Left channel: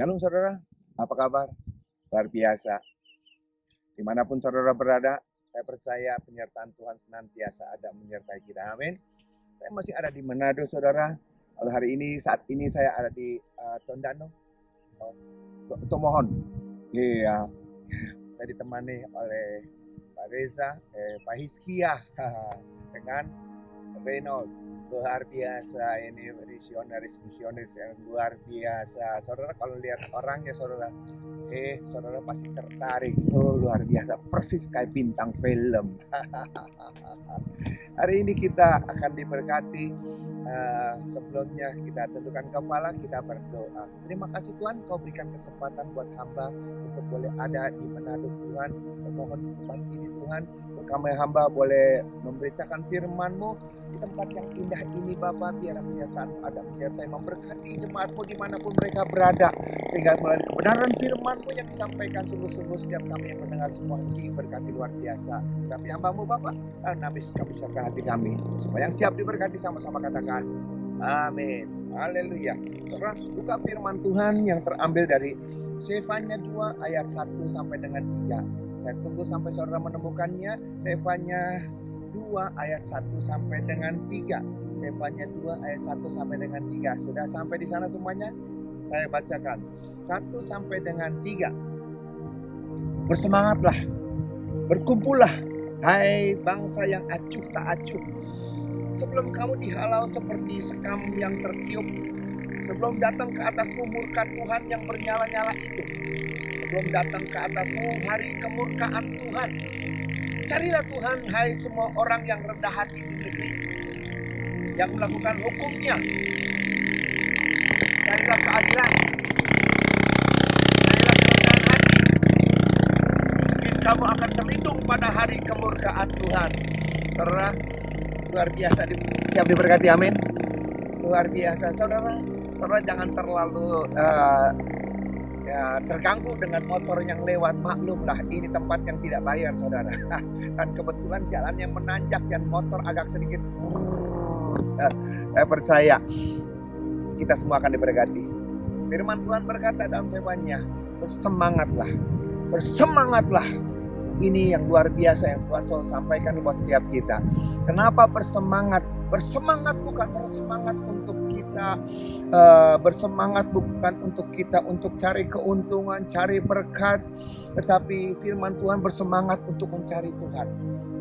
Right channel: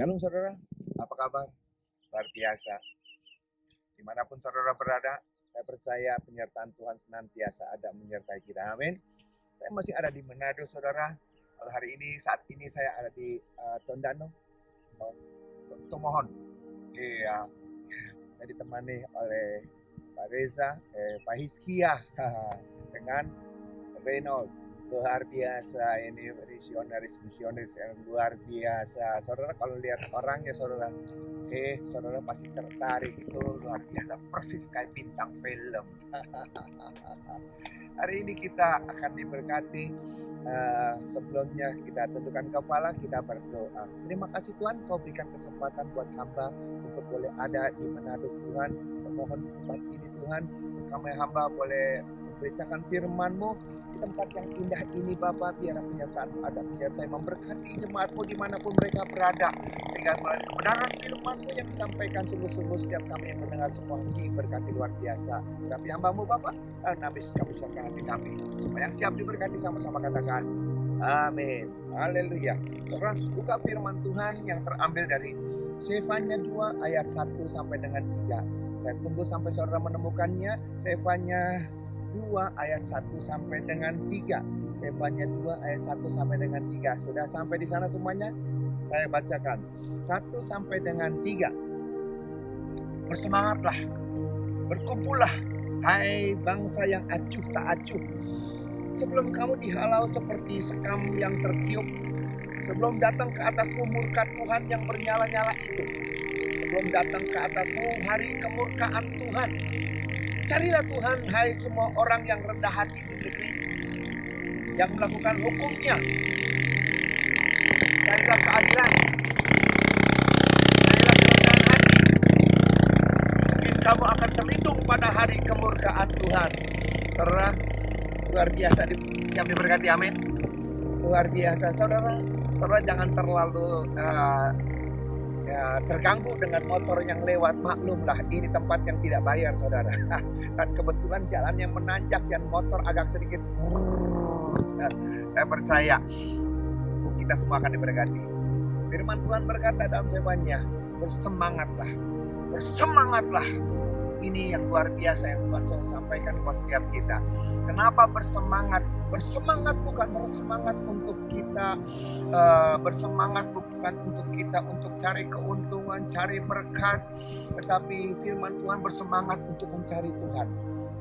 Shalom saudara, apa kabar? Luar biasa. Dimanapun saudara berada, saya percaya penyertaan Tuhan senantiasa ada menyertai kita. Amin. Saya masih ada di Manado saudara. Kalau saat ini saya ada di Tondano, Tomohon. Iya, saya ditemani oleh Pak Reza, Pak Hizkia, dengan Reynold. Luar biasa, ini misionaris yang luar biasa. Saudara kalau lihat orangnya saudara pasti tertarik. Oh, luar biasa, persis kayak bintang film. Hari ini kita akan diberkati. Sebelumnya kita tundukkan kepala, kita berdoa. Terima kasih Tuhan, Kau berikan kesempatan buat hamba untuk boleh ada di Manado Tuhan. Memohon di tempat ini Tuhan, untuk kami hamba boleh memberitakan firman-Mu di tempat yang indah ini Bapa. Biar penyertaan ada penyertai memberkati jemaat-Mu dimanapun mereka berada, sehingga melalui kebenaran firman-Mu yang disampaikan sungguh-sungguh setiap kami yang mendengar semua diberkati luar biasa. Tapi hamba-Mu Bapa, dan habis kami siapkan hati kami. Semua yang siap diberkati sama-sama katakan amin. Haleluya. Saudara, buka firman Tuhan yang terambil dari Sefanya 2 ayat 1 sampai dengan 3. Saya tunggu sampai saudara menemukannya. Sefanya 2 ayat 1 sampai dengan 3. Sefanya 2 ayat 1 sampai dengan 3. Sudah sampai di sana semuanya? Saya bacakan 1 sampai dengan 3. Bersemangatlah, berkumpullah, hai bangsa yang acuh tak acuh. Sebelum kamu dihalau seperti sekam yang tertiup, sebelum datang ke atasmu murka Tuhan yang bernyala-nyala itu, sebelum datang ke atasmu hari kemurkaan Tuhan, carilah Tuhan, hai semua orang yang rendah hati di negeri, yang melakukan hukum-Nya. Carilah keadilan, carilah kerendahan hati. Mungkin kamu akan terlindung pada hari kemurkaan Tuhan. Saudara, luar biasa, siap diberkati, amin. Luar biasa, saudara jangan terlalu terganggu dengan motor yang lewat. Maklumlah, ini tempat yang tidak bayar saudara. Dan kebetulan jalan yang menanjak dan motor agak sedikit. Saya percaya kita semua akan diberkati. Firman Tuhan berkata dalam Sefanya, bersemangatlah, bersemangatlah. Ini yang luar biasa yang Tuhan selalu sampaikan buat setiap kita. Kenapa bersemangat? Bersemangat bukan bersemangat untuk kita, bersemangat bukan untuk kita untuk cari keuntungan, cari berkat, tetapi firman Tuhan bersemangat untuk mencari Tuhan.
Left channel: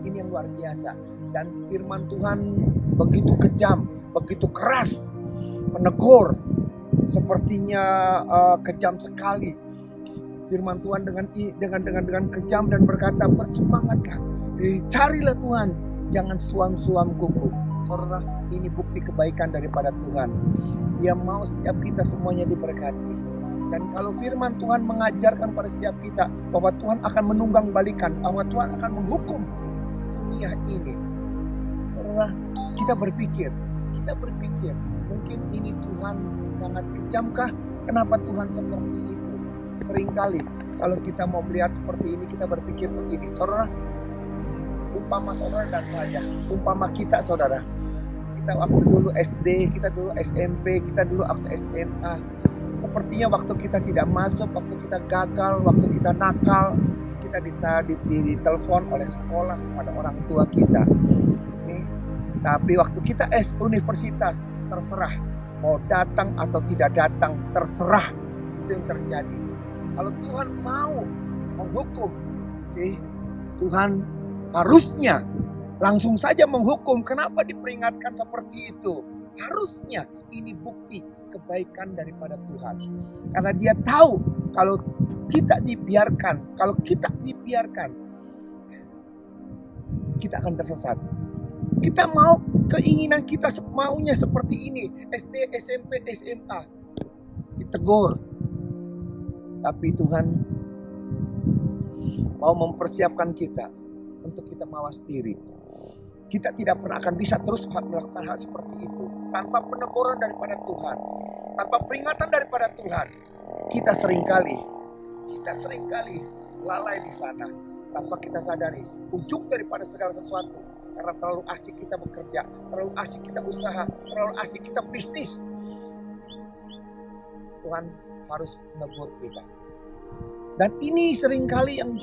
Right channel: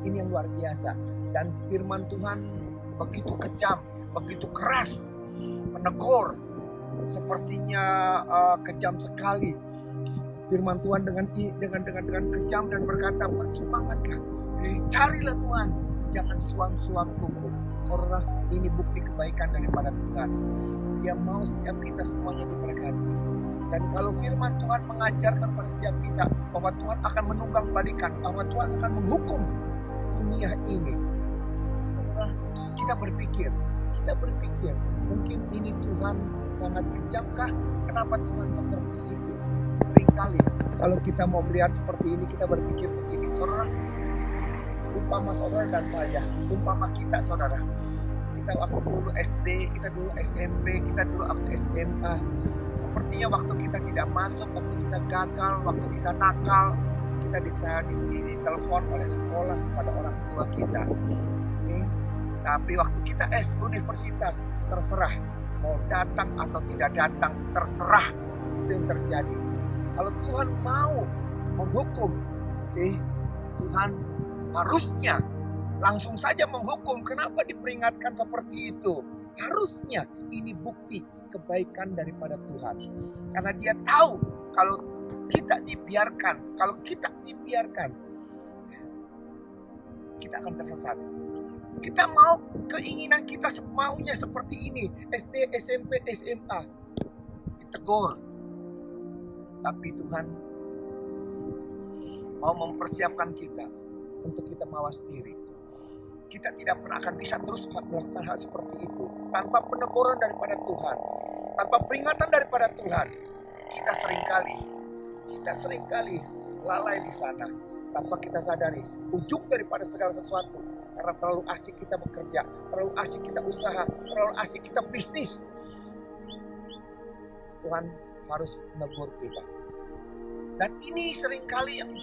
Ini yang luar biasa. Dan firman Tuhan begitu kejam, begitu keras, menegur, sepertinya kejam sekali. Firman Tuhan dengan kejam dan berkata, bersemangatlah, carilah Tuhan, jangan suam-suam kuku. Saudara, ini bukti kebaikan daripada Tuhan. Dia mau setiap kita semuanya diberkati. Dan kalau firman Tuhan mengajarkan pada setiap kita bahwa Tuhan akan menunggang balikan, bahwa Tuhan akan menghukum dunia ini, saudara, kita berpikir, mungkin ini Tuhan sangat kejamkah? Kenapa Tuhan seperti itu? Seringkali kalau kita mau melihat seperti ini, kita berpikir begini, saudara, umpama saudara dan saya, umpama kita saudara, kita waktu dulu SD, kita dulu SMP, kita dulu waktu SMA, sepertinya waktu kita tidak masuk, waktu kita gagal, waktu kita nakal, kita ditelepon oleh sekolah kepada orang tua kita. Tapi waktu kita universitas, terserah mau datang atau tidak datang, terserah. Itu yang terjadi. Kalau Tuhan mau menghukum, Tuhan harusnya langsung saja menghukum. Kenapa diperingatkan seperti itu? Harusnya ini bukti kebaikan daripada Tuhan. Karena Dia tahu kalau kita dibiarkan, kita akan tersesat. Kita mau, keinginan kita maunya seperti ini, SD, SMP, SMA, ditegur. Tapi Tuhan mau mempersiapkan kita untuk kita mawas diri. Kita tidak pernah akan bisa terus melakukan hal seperti itu tanpa peneguran daripada Tuhan, tanpa peringatan daripada Tuhan. Kita seringkali lalai di sana tanpa kita sadari ujung daripada segala sesuatu. Karena terlalu asik kita bekerja, terlalu asik kita usaha, terlalu asik kita bisnis. Tuhan harus menegur kita. Dan ini seringkali yang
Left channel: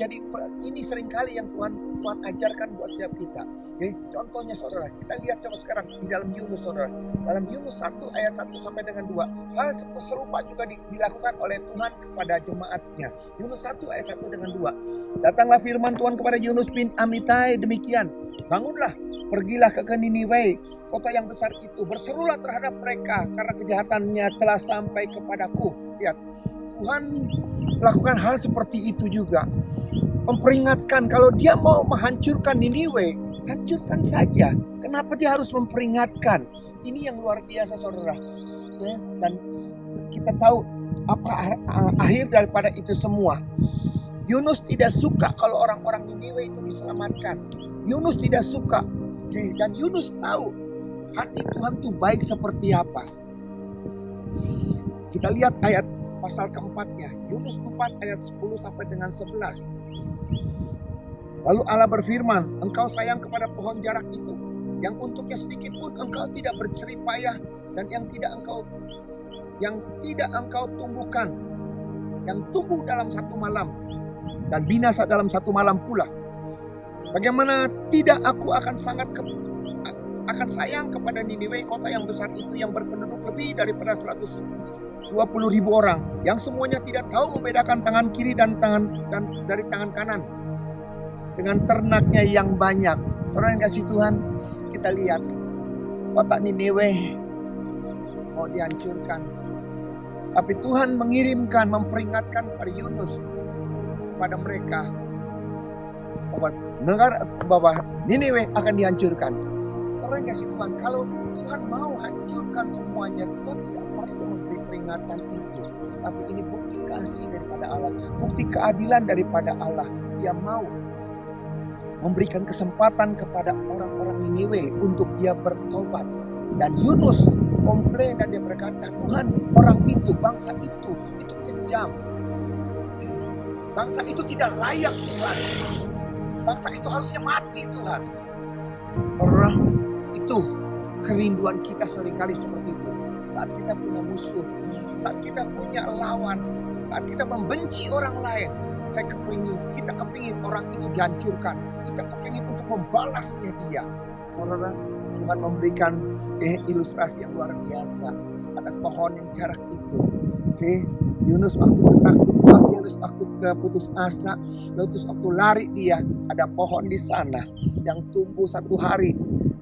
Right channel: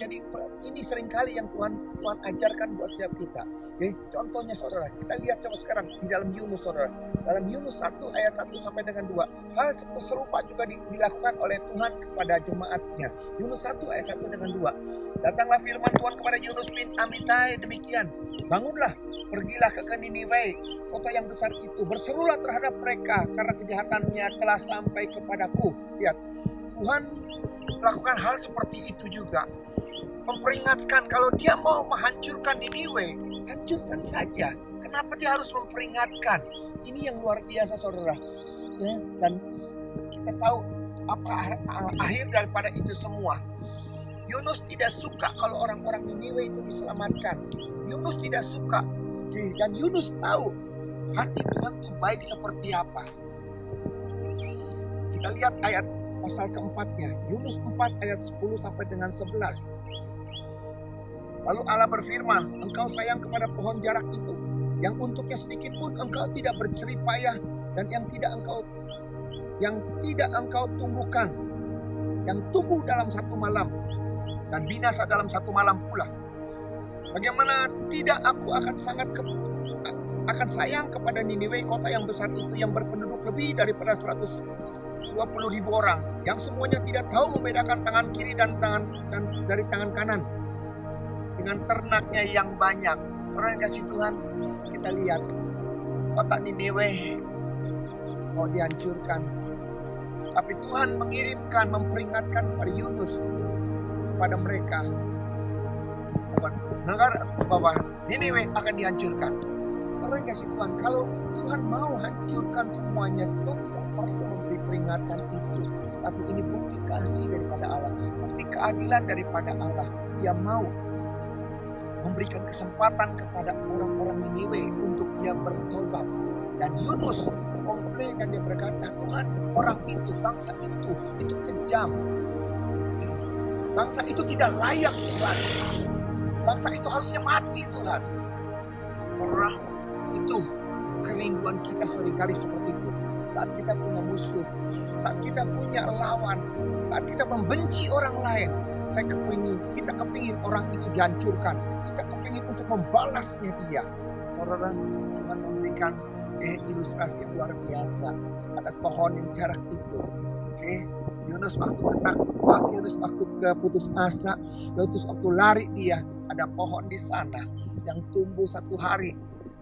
Tuhan ajarkan buat setiap kita. Jadi contohnya saudara, kita lihat coba sekarang di dalam Yunus saudara. Dalam Yunus 1 ayat 1 sampai dengan 2. Hal serupa juga dilakukan oleh Tuhan kepada jemaatnya. Yunus 1 ayat 1 dengan 2. Datanglah firman Tuhan kepada Yunus bin Amittai demikian. Bangunlah, pergilah ke Niniwe, kota yang besar itu. Berserulah terhadap mereka karena kejahatannya telah sampai kepadaku. Lihat, Tuhan melakukan hal seperti itu juga. Memperingatkan kalau dia mau menghancurkan Niniwe, hancurkan saja. Kenapa dia harus memperingatkan? Ini yang luar biasa saudara. Ya, dan kita tahu apa akhir daripada itu semua. Yunus tidak suka kalau orang-orang Niniwe itu diselamatkan. Yunus tidak suka. Dan Yunus tahu hati Tuhan itu baik seperti apa. Kita lihat ayat pasal keempatnya, Yunus 4 ayat 10 sampai dengan 11. Lalu Allah berfirman, engkau sayang kepada pohon jarak itu, yang untuknya sedikit pun engkau tidak berjerih payah, dan yang tidak engkau tumbuhkan, yang tumbuh dalam satu malam, dan binasa dalam satu malam pula. Bagaimana tidak aku akan sayang kepada Niniwe, kota yang besar itu, yang berpenduduk lebih daripada 120.000 orang, yang semuanya tidak tahu membedakan tangan kiri dan dari tangan kanan, dengan ternaknya yang banyak. Saudara yang kasih Tuhan, kita lihat kota Niniwe mau dihancurkan, tapi Tuhan memperingatkan kepada Yunus, kepada mereka bahwa Niniwe akan dihancurkan. Saudara yang kasih Tuhan, kalau Tuhan mau hancurkan semuanya, Tuhan tidak perlu memberi peringatan itu. Tapi ini bukti kasih daripada Allah, bukti keadilan daripada Allah. Dia mau memberikan kesempatan kepada orang-orang Niniwe untuk dia bertobat. Dan Yunus komplain dan dia berkata, Tuhan, orang itu, bangsa itu kejam. Bangsa itu tidak layak Tuhan. Bangsa itu harusnya mati Tuhan. Orang itu kerinduan kita seringkali seperti itu. Saat kita punya musuh, saat kita punya lawan, saat kita membenci orang lain, kita kepingin orang itu dihancurkan. Kita kepingin untuk membalasnya dia. Saudara, Tuhan memberikan ilustrasi yang luar biasa atas pohon yang jarak itu. Yunus waktu ketakutan, Yunus waktu keputus asa, Yunus waktu lari dia, ada pohon di sana yang tumbuh 1 hari.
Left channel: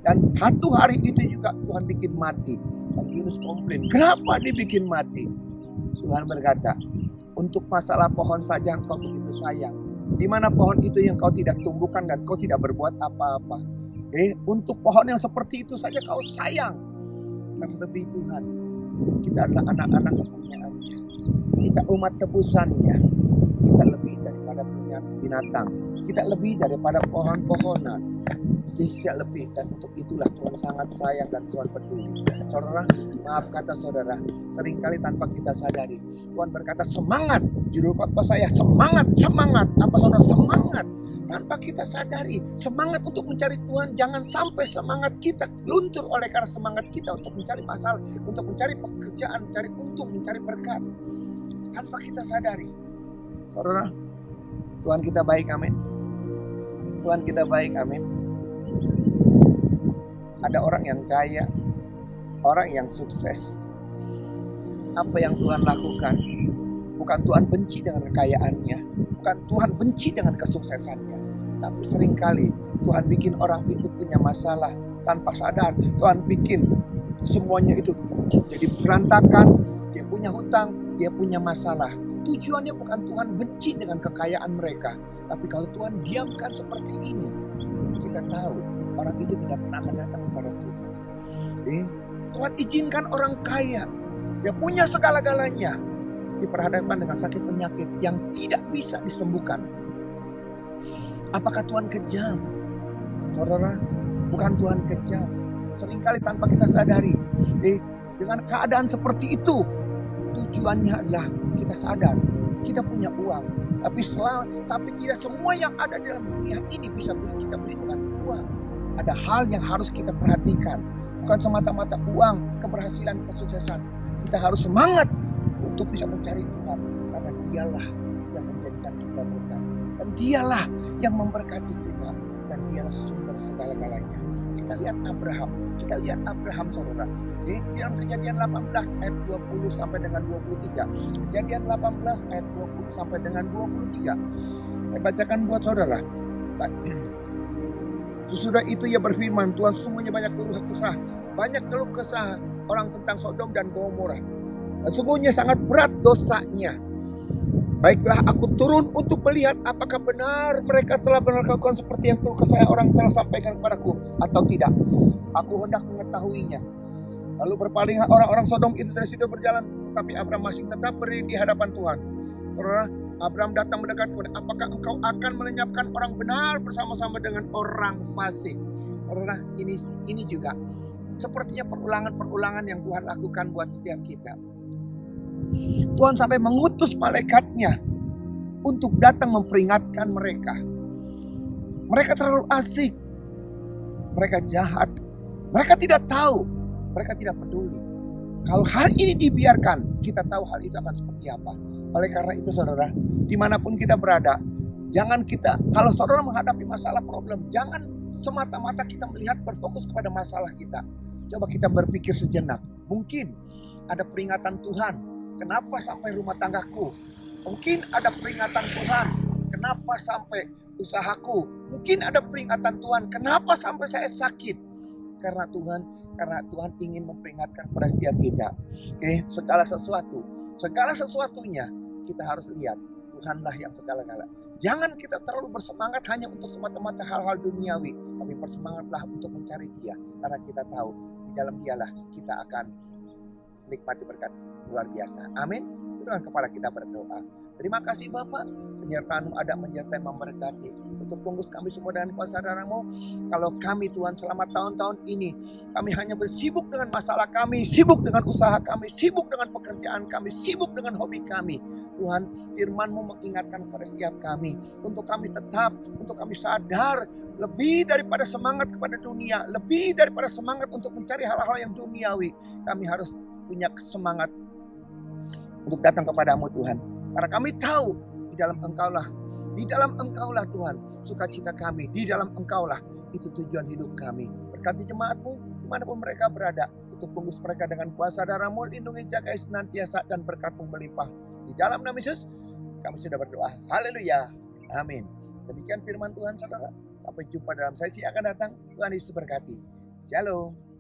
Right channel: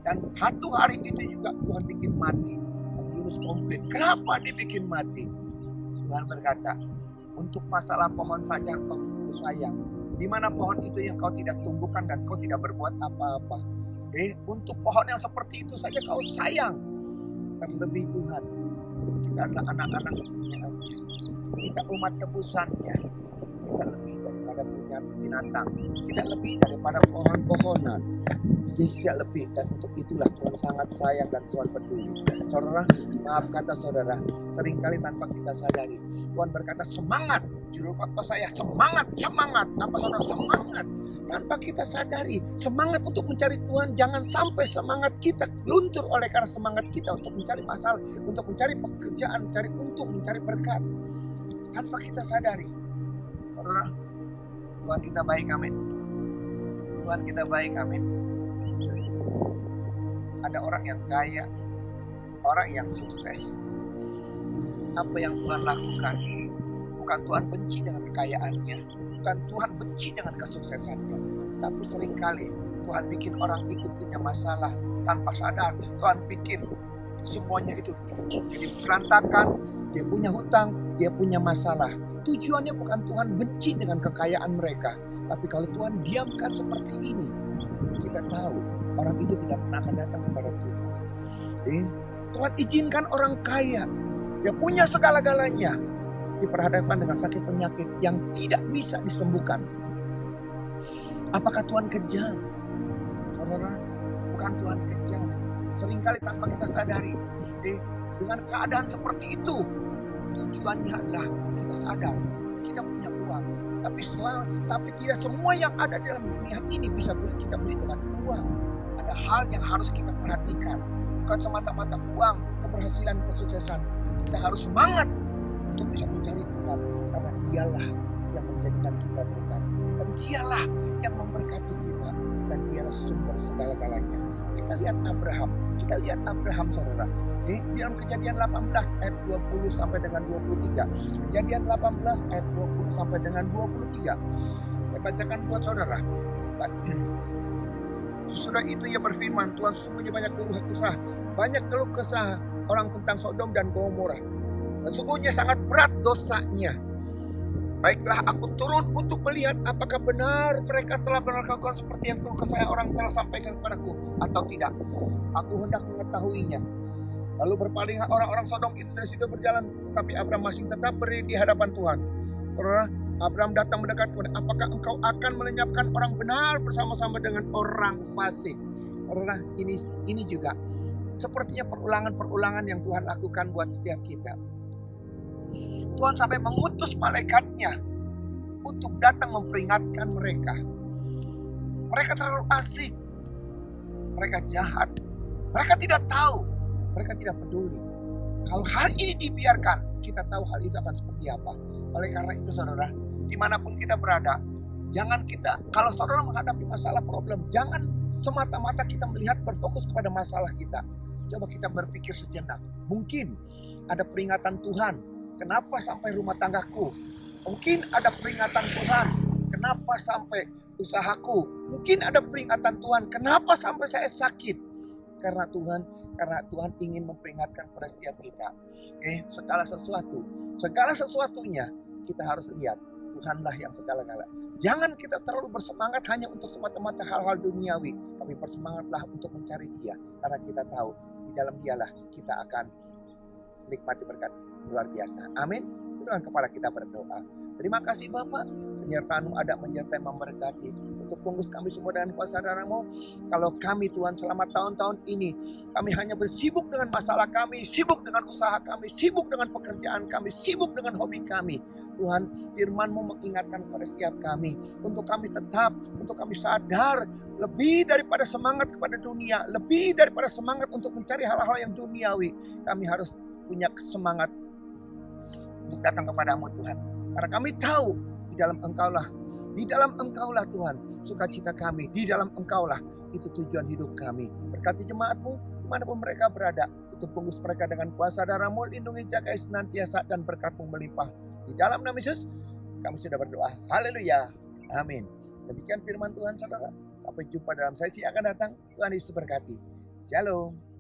Dan 1 hari itu juga Tuhan bikin mati. Dan Yunus komplain, kenapa dibikin mati? Tuhan berkata, untuk masalah pohon saja engkau begitu sayang. Di mana pohon itu yang kau tidak tumbuhkan dan kau tidak berbuat apa-apa. Untuk pohon yang seperti itu saja kau sayang. Terlebih Tuhan, kita adalah anak-anak kepunyaannya. Kita umat tebusannya. Kita lebih daripada binatang. Kita lebih daripada pohon-pohonan. Tidak lebih, dan untuk itulah Tuhan sangat sayang dan Tuhan peduli. Saudara, maaf kata saudara, seringkali tanpa kita sadari Tuhan berkata semangat, juru khotbah saya semangat. Apa saudara, semangat tanpa kita sadari, semangat untuk mencari Tuhan. Jangan sampai semangat kita luntur oleh karena semangat kita untuk mencari masalah, untuk mencari pekerjaan, mencari untung, mencari berkat, tanpa kita sadari. Saudara, Tuhan kita baik, amin. Tuhan kita baik, amin. Ada orang yang kaya, orang yang sukses. Apa yang Tuhan lakukan? Bukan Tuhan benci dengan kekayaannya, bukan Tuhan benci dengan kesuksesannya, tapi seringkali Tuhan bikin orang itu punya masalah tanpa sadar. Tuhan bikin semuanya itu jadi berantakan, dia punya hutang, dia punya masalah. Tujuannya bukan Tuhan benci dengan kekayaan mereka, tapi kalau Tuhan diamkan seperti ini, kita tahu orang itu tidak pernah akan datang kepada Tuhan. Tuhan izinkan orang kaya, dia punya segala-galanya, diperhadapkan dengan sakit penyakit yang tidak bisa disembuhkan. Apakah Tuhan kejam? Saudara, bukan Tuhan kejam. Seringkali tanpa kita sadari, dengan keadaan seperti itu, tujuannya adalah kita sadar, kita punya uang. Tapi tidak semua yang ada dalam dunia ini bisa kita beli dengan uang. Ada hal yang harus kita perhatikan. Bukan semata-mata uang, keberhasilan, kesuksesan. Kita harus semangat untuk bisa mencari Tuhan. Karena dialah yang menjadikan kita berkat. Dan dialah yang memberkati kita. Dan dialah sumber segala-galanya. Kita lihat Abraham saudara. Di dalam Kejadian 18 ayat 20 sampai dengan 23. Kejadian 18 ayat 20 sampai dengan 23. Saya bacakan buat saudara. Sesudah itu ia berfirman, Tuhan sesungguhnya banyak keluh kesah orang tentang Sodom dan Gomora. Sesungguhnya sangat berat dosanya. Baiklah aku turun untuk melihat apakah benar mereka telah melakukan seperti yang keluh kesah orang telah sampaikan kepadaku atau tidak. Aku hendak mengetahuinya. Lalu berpalinglah orang-orang Sodom itu dari situ berjalan, tetapi Abraham masih tetap berdiri di hadapan Tuhan. Saudara, Abraham datang mendekat kepada, apakah engkau akan melenyapkan orang benar bersama-sama dengan orang fasik? Saudara, ini juga sepertinya perulangan yang Tuhan lakukan buat setiap kita. Tuhan sampai mengutus malaikatnya untuk datang memperingatkan mereka. Mereka terlalu asik, mereka jahat, mereka tidak tahu. Mereka tidak peduli. Kalau hal ini dibiarkan, kita tahu hal itu akan seperti apa. Oleh karena itu saudara, dimanapun kita berada, kalau saudara menghadapi masalah problem, jangan semata-mata kita melihat berfokus kepada masalah kita. Coba kita berpikir sejenak. Mungkin ada peringatan Tuhan, kenapa sampai rumah tanggaku? Mungkin ada peringatan Tuhan, kenapa sampai usahaku? Mungkin ada peringatan Tuhan, kenapa sampai saya sakit? Karena Tuhan ingin memperingatkan kepada setiap kita. Segala sesuatunya kita harus lihat Tuhanlah yang segala-gala. Jangan kita terlalu bersemangat hanya untuk semata-mata hal-hal duniawi, tapi bersemangatlah untuk mencari Dia, karena kita tahu di dalam Dialah kita akan nikmati berkat luar biasa. Amin. Dengan kepala kita berdoa. Terima kasih Bapak, penyertaan-Mu ada menyertai memberkati. Tutup bungkus kami semua dengan kuasa darah-Mu. Kalau kami Tuhan selama tahun-tahun ini, kami hanya bersibuk dengan masalah kami, sibuk dengan usaha kami, sibuk dengan pekerjaan kami, sibuk dengan hobi kami. Tuhan, firman-Mu mengingatkan kepada setiap kami, untuk kami tetap, untuk kami sadar, lebih daripada semangat kepada dunia, lebih daripada semangat untuk mencari hal-hal yang duniawi, kami harus punya semangat untuk datang kepadamu Tuhan. Karena kami tahu di dalam Engkaulah Tuhan, sukacita kami, di dalam Engkaulah itu tujuan hidup kami. Berkati jemaat-Mu dimanapun mereka berada, tutup bungkus mereka dengan kuasa darah-Mu, lindungi jagai senantiasa dan berkat-Mu melimpah. Di dalam nama Yesus kami sudah berdoa. Haleluya. Amin. Demikian firman Tuhan saudara. Sampai jumpa dalam sesi akan datang. Tuhan Yesus berkati. Shalom.